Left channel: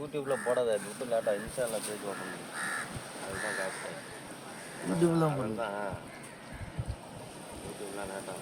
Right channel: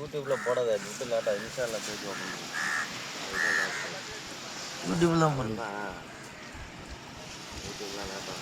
யூடியூப்பில் போடாத யூடியூப் லேட்டாக இன்ஸ்டாவில் பேஜ் ஓப்பன் பண்ணி அதுதான் காசு யூடியூப்ல தான் போடுறேன். யூடியூப்லாம் லேட்டாக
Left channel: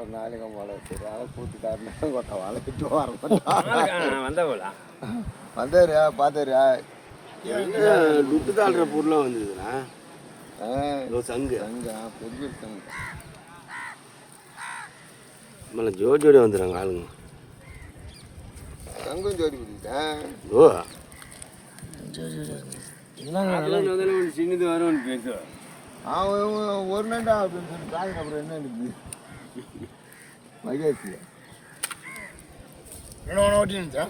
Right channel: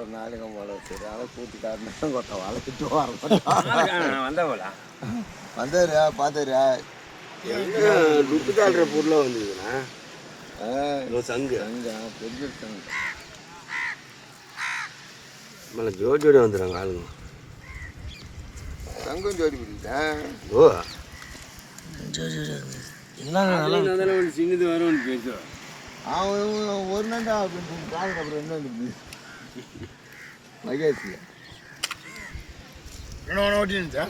ஒரு நாளைக்கு போல சரி அதை கூட்டி காட்டினா கொட்ட வளர்த்துட்டு வர வந்தாரியா பார்த்தாரியா டுட்டு காட்டுற பொருளாக வந்துருக்குண்ணா சங்கு சங்கா பெரிய சங்கு மேலே ஜோடி வந்துடுறாங்க ஆளுங்க சங்கும் ஜோடி பிடிக்கிட்டேன் ஓ சின்னது வரும்னு பேசுவேன் அவன் ஒரு நண்டா அப்படின்னு சொல்லி காதுக்கு அப்புறம் என்ன மகேஷ் என்ன ஒட்டின்னு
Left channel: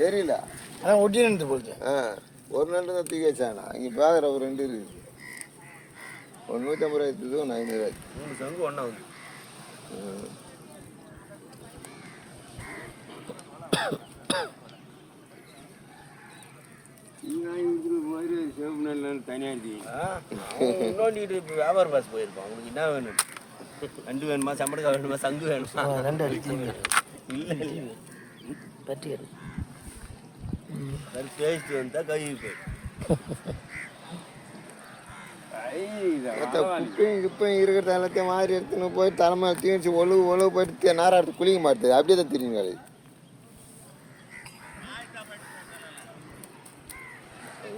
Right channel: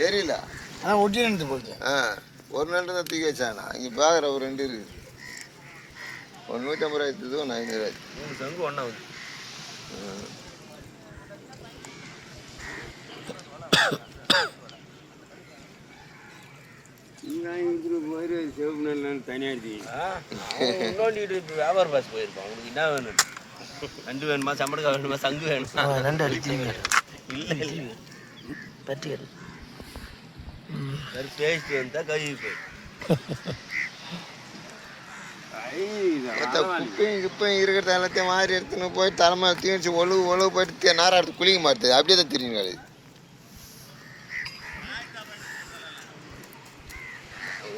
தெரியல அதான் ஒட்டின்னு போகுது. ஒரு நண்டு தான் தூக்கி வச்சானா இங்கே பார்க்குற ஒரு ரெண்டு இருக்குது. ஒரு 150 ரூபாய் எடுத்தது ஒன்று 500 ரூபாய் சங்கு ஒன்றா வியாபார பாஸ் போயிருக்கேன். உங்களுக்கு என்ன வேணும்? நண்டு வேணுமா, சம்பளக்காய் வேணுமா, சங்கு வேணுமா? நண்டு அடிச்சு இல்லை பற்றி டேஸ்ட் இருந்தால் கழுவி போய் குப்பையும் இருக்கிறத எல்லாத்தையும் மாதிரி எடுத்துன்னு போய் தலைமை தீர்ச்சி ஒழுவு போயிட்டு நாரா எடுத்து குளிக்க மாட்டுது. அப்படியே தான் தெரியும் அது.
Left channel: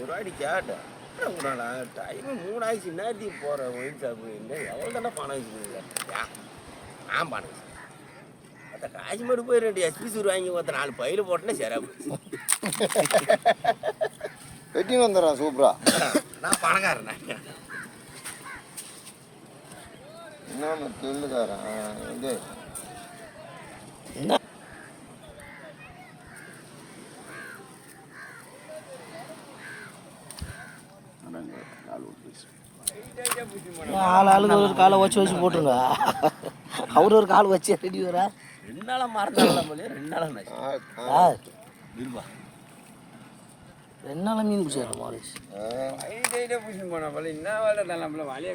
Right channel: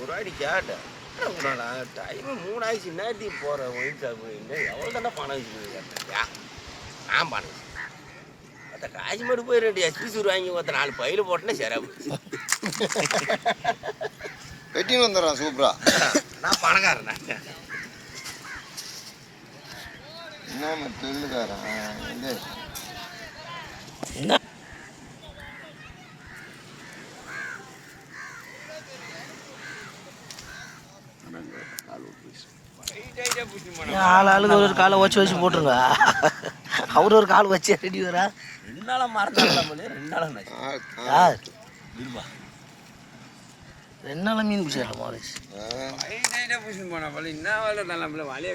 ஒரு வாடி கேட்டேன் டைமு 3 ஆயிடுச்சு நேரத்துக்கு போகிறேன் ஒயின் சாப்பிடுங்க எவ்வளோ தானே பணம் வச்சுக்கோங்க கேட்டேன். நான் பணம் அந்த காசு மட்டும் போய் 2 எஸ்பிசூர் வாங்கி 4 பையில் போட்டேன்னா சரி வெட்டின்னு வந்துடுறான் சூப்பரா. நான் பணக்காரன் என்ன சொல்லுக்காரன் இது என்ன ஆளுக்கு ஒரு காலை வச்சு போட்டுருங்க. அவரு ஒரு கால் வச்சு ரெடி வரா 2 நாளாக மறந்தாலும் 2 நாளாக யார் 2 நாளாக மீன் பிடிச்சிடலாம் மாலேஷ் பிடிச்சின்னு போனா பல என்ன வேலை தான் நம்மள வலையே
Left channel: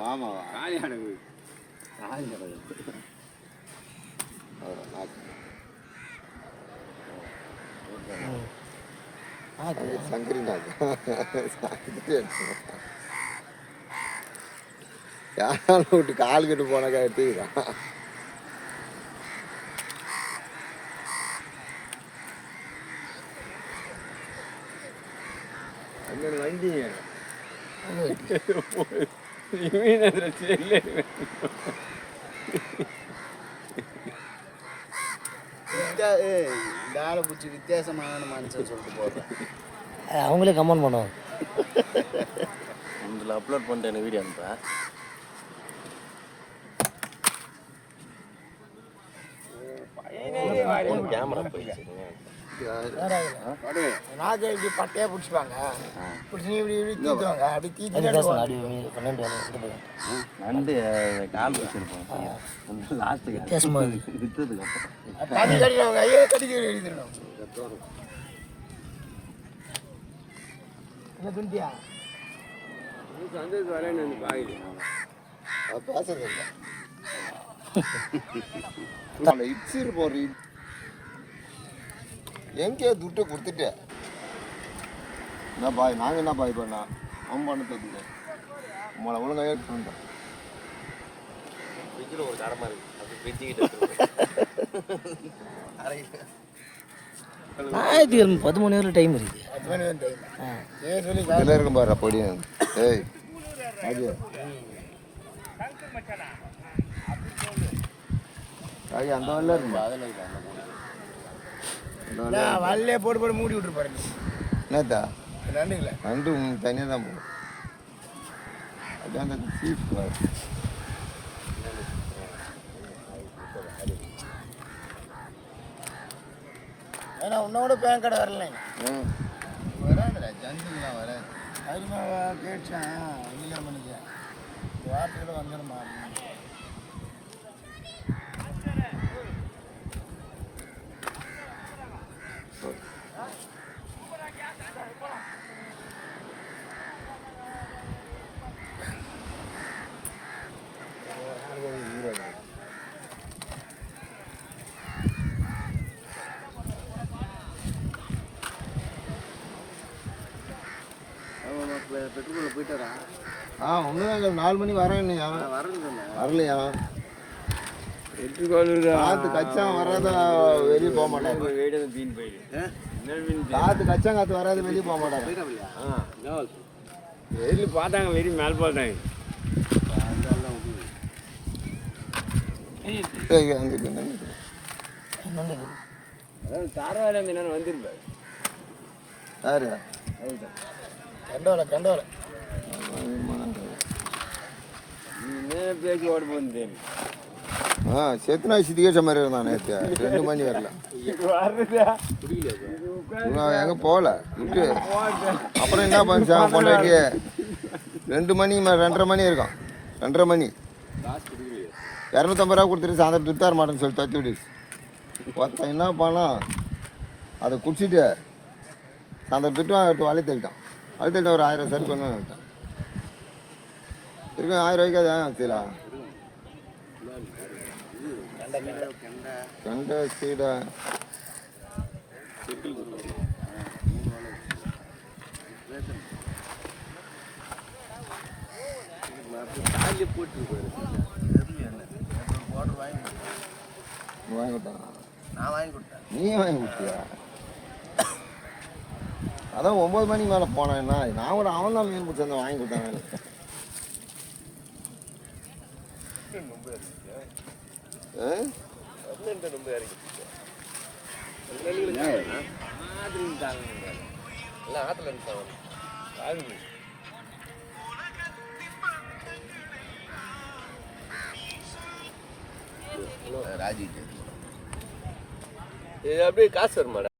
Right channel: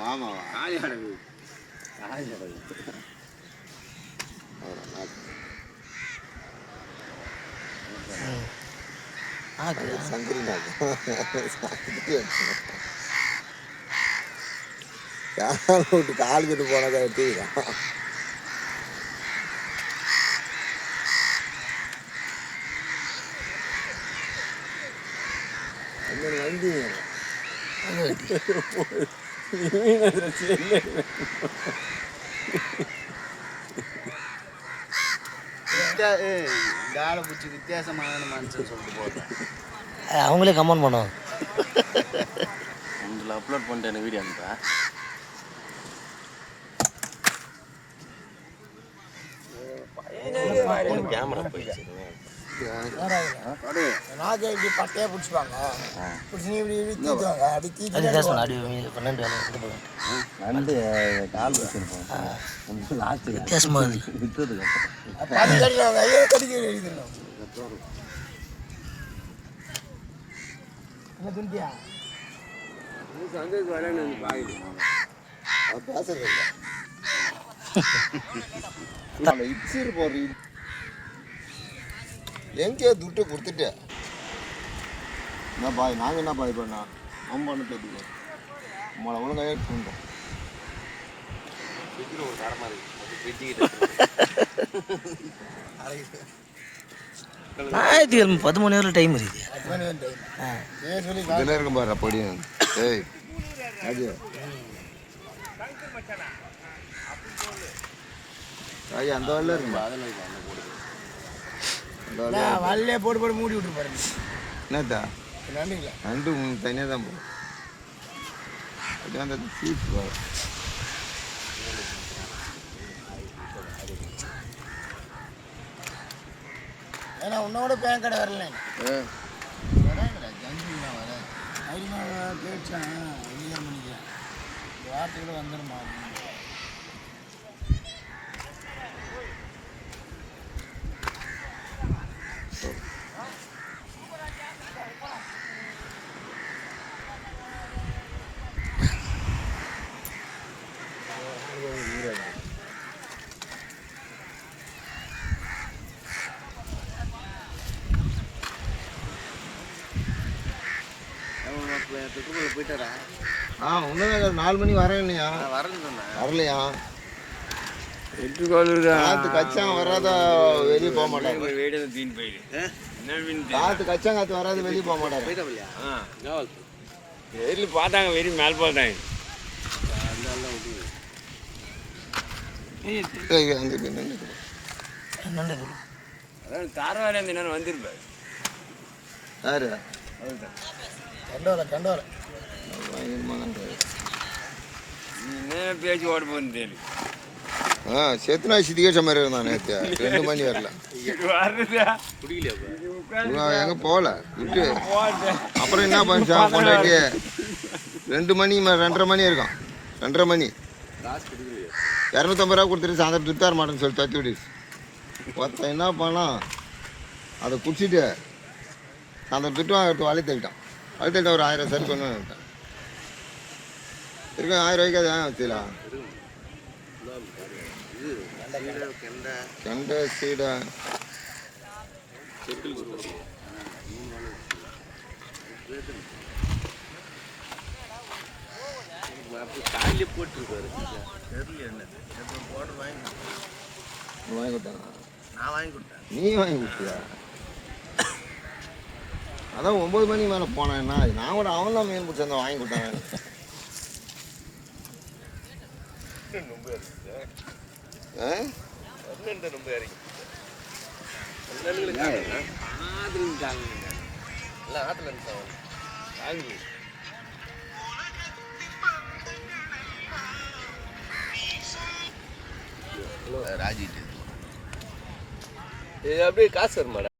மாமாவா காலி அடகு சங்கரி நாக்கு யாரும் விட்டு கால் கட்டு போனாக்கா எடுத்துக்கலாம். வண்டி வித்தியாசமான மனுஷன் சொல்லிட்டு அவங்களே கமெண்ட் பண்ணுவாங்க. உங்களை அப்லோட் பண்ணிட்டேன் வீடியோ அனுப்ப கேமரா போயிடுச்சு. இப்படி பட்டையா பிடிச்சிப்பாங்க பிடிச்சி இப்படி இப்படி தீத்துவாங்க. அப்படி தீத்து 12 நண்டு கால் வச்சிருப்போம். வித்தியாசமா விற்றது எங்கே துட்டு கொடுத்துட்டு என்ன பாய் நாங்கள் என்ன பாய் பண்ணா அவன் பண்ண தோத்துக்க உங்களை ஒழுங்காக எடுத்துட்டேன். ஒரு கடமா இருக்கு ஞாயிற்றுக்கிழமை 10 மணி டைம் இருக்குது. இருக்கும் பாரு பொடி. ஏய் ஐயா அந்த வரல இருக்குமா வல்லையே போட்டு மூடி விட்டுரு பாருங்க. என்னத்தா நண்டுங்களா நண்டு தனியாக தான் போகும். அப்படியே அந்த சீப் ஏன்னா உன்னோட பேன் கடை வரல வராதுடா ஜங்கிலாம் வராது அதிகமா கேட்டேன் அங்கீகாரம் பண்ணிக்கிறேன் வார்த்தையோட வந்துடுமா போயிட்டாரா ஒன்றும் 4 மணி வரேன் இல்லையா வரலையா எட்டுக்கோளுடா காற்று கச்சான் வராத வெளியே போக மாட்டாங்க வீடு தீன் போயிடு காற்று கச்சான் காற்று வராது வெளியே போக மாட்டாங்க வெயில் பார்த்தாங்க வெறி மேல் பார்த்தாங்க அதான் தாரவாரி அந்த நேரம் வந்திருப்பாரு யாரு கண்டோல நீ என்ன பேச்சு ஓட போகுதுன்னு தெரியும் செத்துனா சித்திகேச்ச மாதிரி இருந்தான் நேற்று 2 மணி வரல இவன் எங்கே போகல விட்டு அப்புறம் என்ன பண்ணிச்சான் கொண்டாட்டி 2 மணி 2:30 மணி இருக்கான் 2:30 மணி 250 ரூபா கொடுத்துட்டு சாயந்தரம் துட்டார மாட்டேன்னு சொல்லி தட்டி விடுச்சு ஒருத்தன் என்ன பண்ணான் அதை குடிச்சிட்டு சாயந்தரம் துட்டு வாங்கிட்டு வழி தள்ளிட்டான் ஒரு 1000 சரி கொண்டு வந்துட்டான் இருக்க 1000 ரூபாய்க்கு அது ஏன் வச்சுக்கலாம் கெண்டை சீடை நீ வாங்கி கொடுத்தியா அதான் 9 மணிக்கு மேலே போனேன்னா நான் கூட அவன் தான் மீன் பிடிச்சி வாங்கி கொடுத்தாங்க ராஜி இது அப்படியே காசு வருமாடா